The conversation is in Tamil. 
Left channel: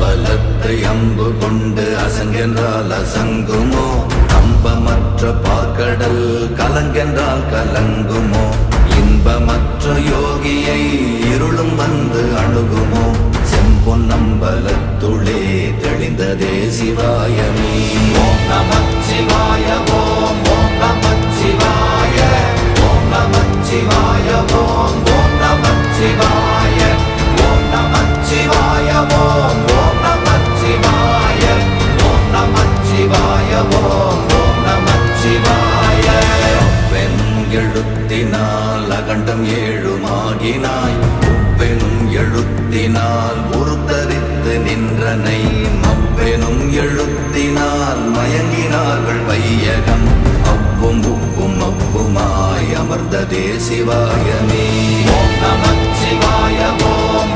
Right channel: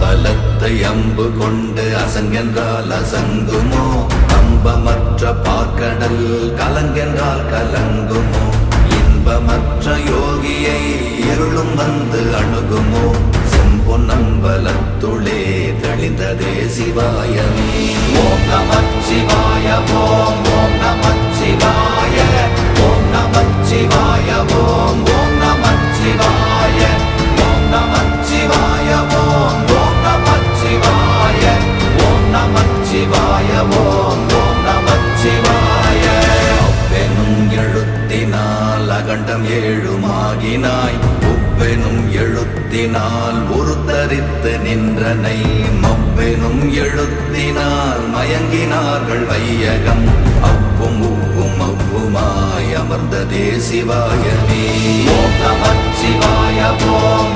அம்பலத்தை அம்பு கொண்டு அசங்கென்றால் அசங்குமோ? நம்பமற்ற பார்க்கடல் கலங்கென்றால் கலங்குமோ? இன்பமற்ற யோகியை இருளும் வந்து அணுகுமோ? செம்பொன்னம்பலத்துளே தெளிந்ததே சிவாயமே. ஓம் நமச்சிவாய ஓம் ஓம் நமச்சிவாய ஓம் நமச்சிவாய ஓம் ஓம் நமச்சிவாய ஓம் நமச்சிவாய ஓம் ஓம் நமச்சிவாய ஓம் நமச்சிவாய ஓம் ஓம் நமச்சிவாய. அவ்வெனும் எழுத்தினால் அகண்டம் ஏழுமாகினாய், உவ்வெனும் எழுத்தினால் உருத்தரித்து நின்றனை, மவ்வெனும் எழுத்தினால் மயங்கினார்கள் வையகம். அவ்வும் உவ்வும் அவ்வுமாய் அமர்ந்ததே சிவாயமே. ஓம் நமச்சிவாய ஓம்